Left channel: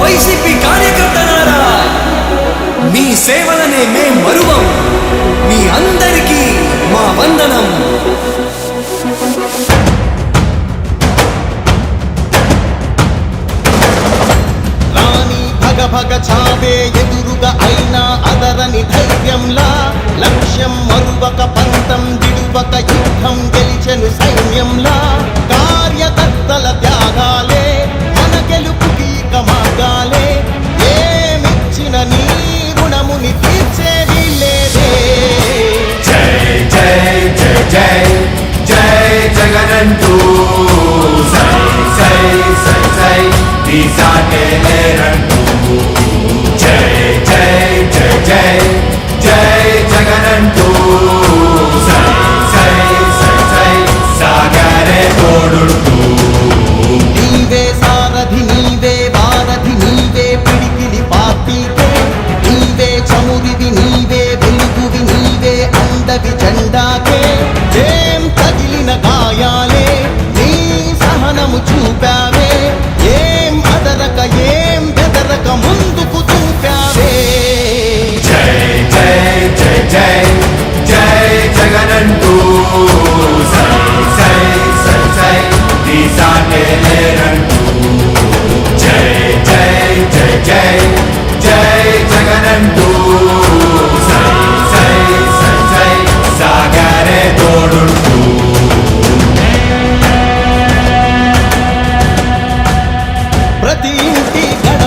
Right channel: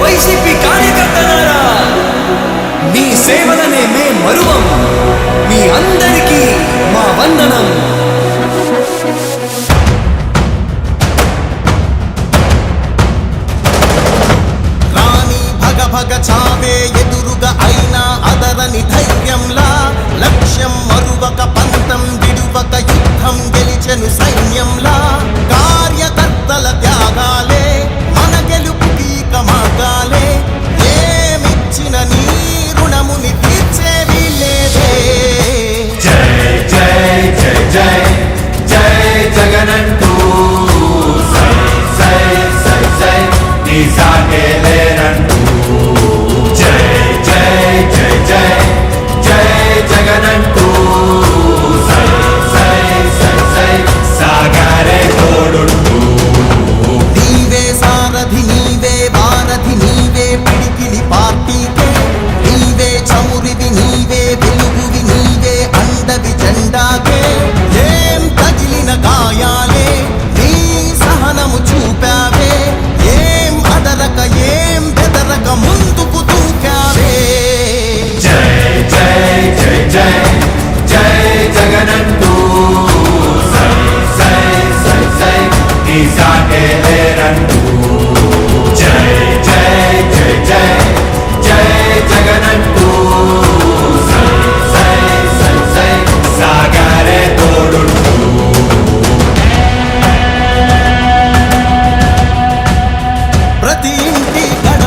YCP కార్యకర్తలారా మీ సేవలనే మే మరువం. మీ అందరికీ మా వందనం. రాణి భగ భగ చావే ఎదురుగా అయినా అదరని ధైర్యంలా లక్ష్యం మరువక పంతం దిడువక యుద్ధం గెలిచెను సైన్యంలా. కార్యకర్తల త్యాగా పిడికిలి పార్టీకే నీవే చమురివి నీవే వెలుగువి నీవే అండవి జెండాకే. ఏం తగిలిన గాయాలే నీ సహనము చూపావే.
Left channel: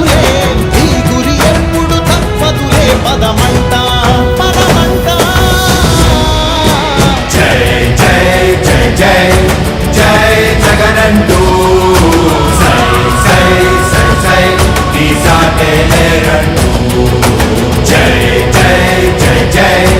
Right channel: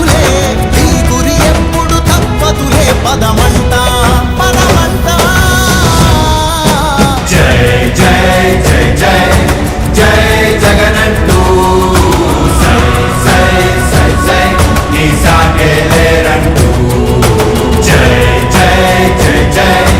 తప్పదులే నీ గురి ఎప్పుడు తప్పదులే పదమంట పదమంట. జై జై జై జై జై జగనంటూ. సై సై సై సై నీ సాగే జై జై జై జై.